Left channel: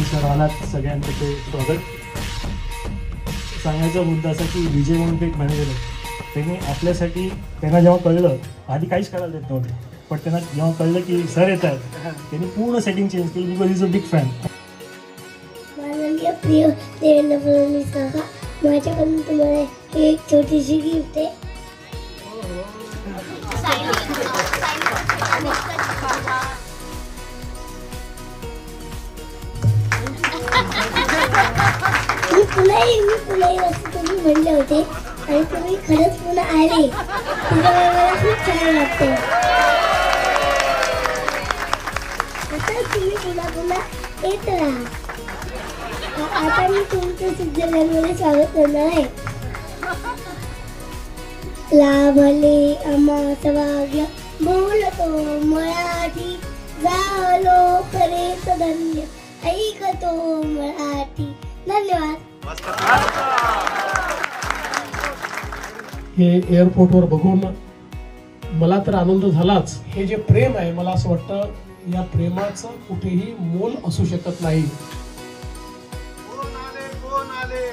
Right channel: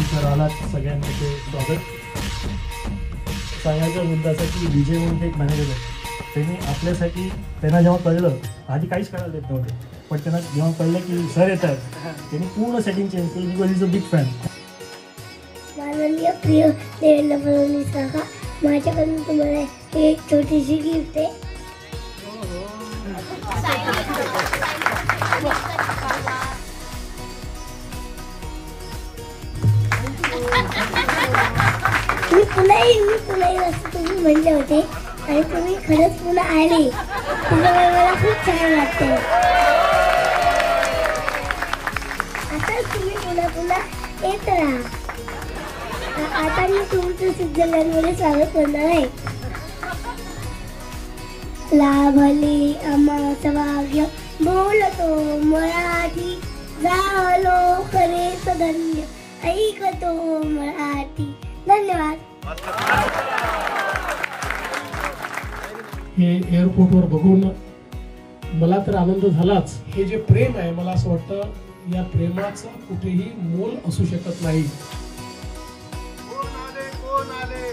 इथं राहण्यात सगळ्यांचं स्वागत. सांगायचा मुद्दा असा की विजय म्हणून एक मॅनेजर आहे, त्यांनी आपल्यासाठी त्यांना जेव्हा कळलं, आधी काहीच करायला देत नव्हते, पण त्यांना जेव्हा कळलं की सर येतात, त्यांनी पूर्ण सेटिंग चेंज केली. Because is a big fan. माननीय प्रिय देवेंद्र फडणवीस काका, माझ्याकडून तुम्हाला ही एक छोटीशी गिफ्ट आहे. मी पुन्हा येईल असं तुम्ही म्हणले होते आणि तुम्ही खरंच पुन्हा आले. तुम्हाला मला खूप छान वाटते. आता तुम्ही पुन्हा येत राहा. आता मी तुमचं स्वित्झर्लंडमध्ये स्वागत करणार आहे. लाभले अमास भाग्य बोलतो मराठी, झालो खरे धन्य ऐकतो मराठी. धन्यवाद. हे एअरपोर्टवर बघून मला तर आनंद झालाच. हे जे प्रेम आहे, मला असं वाटतं या प्रेमाचं कुठेही मोल असू शकत नाही. कोण आले